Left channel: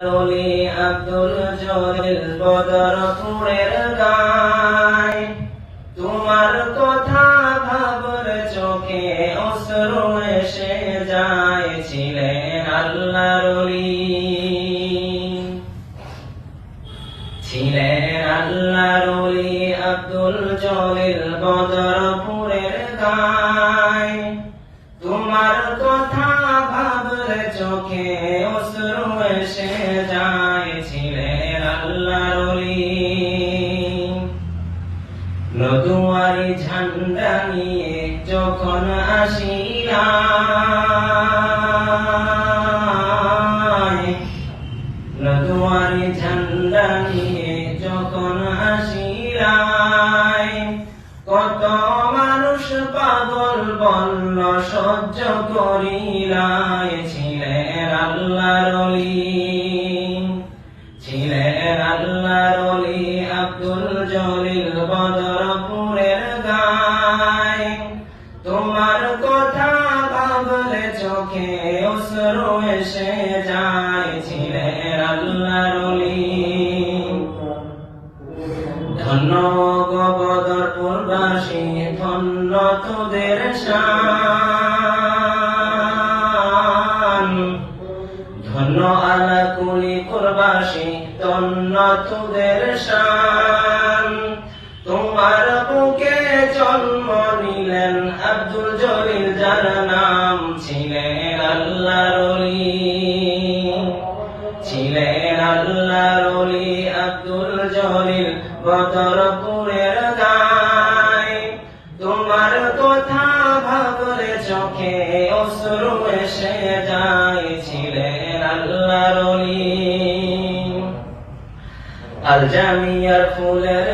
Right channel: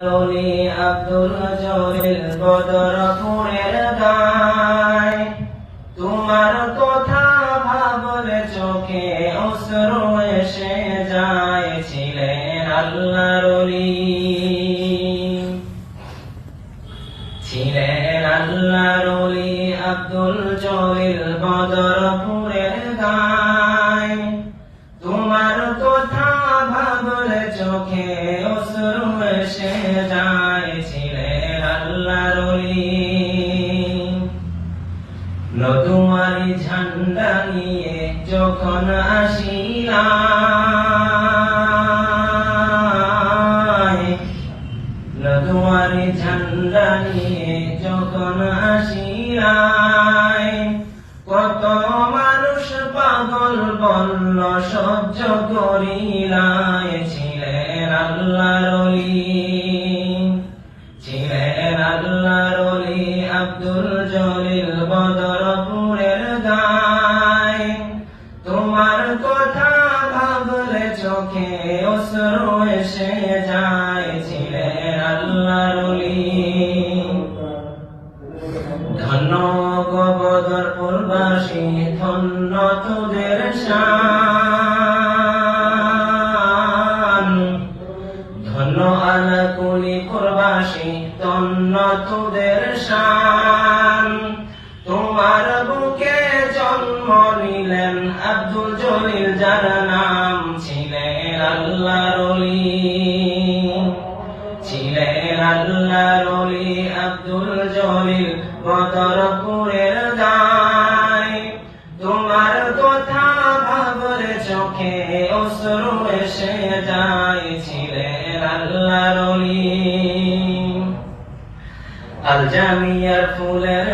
অলি আব্দুল জলিল বদরপুরের গায় তোমার কথা ভাবলে চোখে অশ্রু এসে যায়, ছিলেন আল্লাহর ছিলেন আল্লাহর আব্দুল জলিল বদরপুরের চোখে অশ্রু এসে যায় ছিলেন আল্লাহর নদুয়ারি ঝান্ডা নিয়ে যখন আসিলাম, নদুয়ারি ঝান্ডা নিয়ে যখন আসিলাই কত মানুষ পাগল বন্য সহ্য করিলাই ছিলেন আল্লাহর অলি ছিলেন আল্লাহর অলি আব্দুল জলিল বদরপুরের তোমার কথা ভাবলে চোখে অশ্রু এসে যায়, ছিলেন আল্লাহর অলি ধন্য গবদরপুরবাসী ধন্য তোদের শান আলাকুলি পুরবাসী তন্ন তোদের শান। তোমার বুকে জন্ম নিলেন আব্দুল জলিল, যার নাম ছিলেন আল্লাহর অলি ছিলেন আল্লাহর অলি আব্দুল জলিল বদরপুরের গায় তোমার কথা ভাবলে চোখে অশ্রু এসে যায়। ছিলেন আল্লাহর আল জামিয়ার ফুলের